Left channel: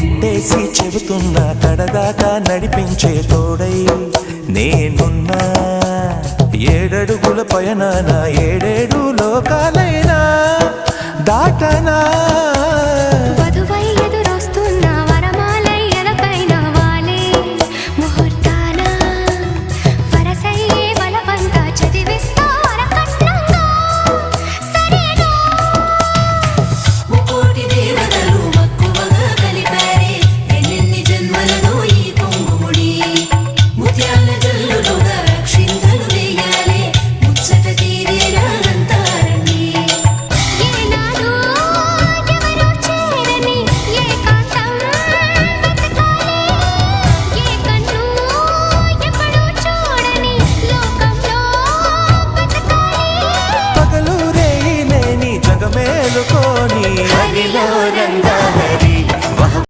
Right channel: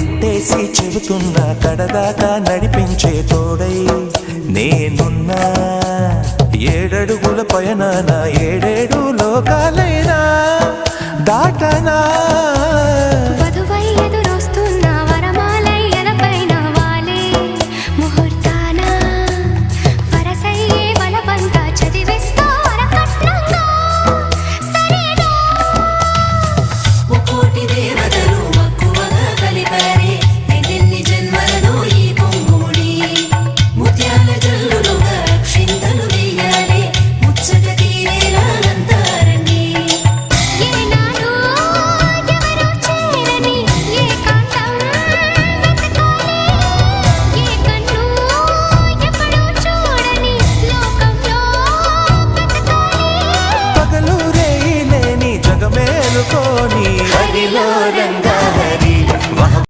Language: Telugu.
ఒట్టేసి చెబుతున్నా కడదాకా నడిపించే తోడై నేనున్నా. 7 అడుగుల పయనాన 7 లోకాలైనా దాటనా. వధువై ఎదురొస్తున్న వరమాలై ఎలపైన వాలే ముహూర్తాన వరసయ్యే వలపంతా చదివిస్తా వరకట్నంగా. సరేనా? కోటి దేవతలు మక్కువగా కలిపారే ఎన్నెన్ని జన్మలలో ఈ పొంగుముడి. ముత్యాల జల్లులుగా క్షింతలు వేయాలి ముచ్చట తీరేలా అంతారండి. ఏనాడు ఎవరో చేరని ఏకాంతం వెతకాలి. ఏ కన్ను ఎప్పుడూ చూడని లోకంలో బతకాలి. పగలు రేయి లేని జగమేలుకోని హరిలో రంగహరి.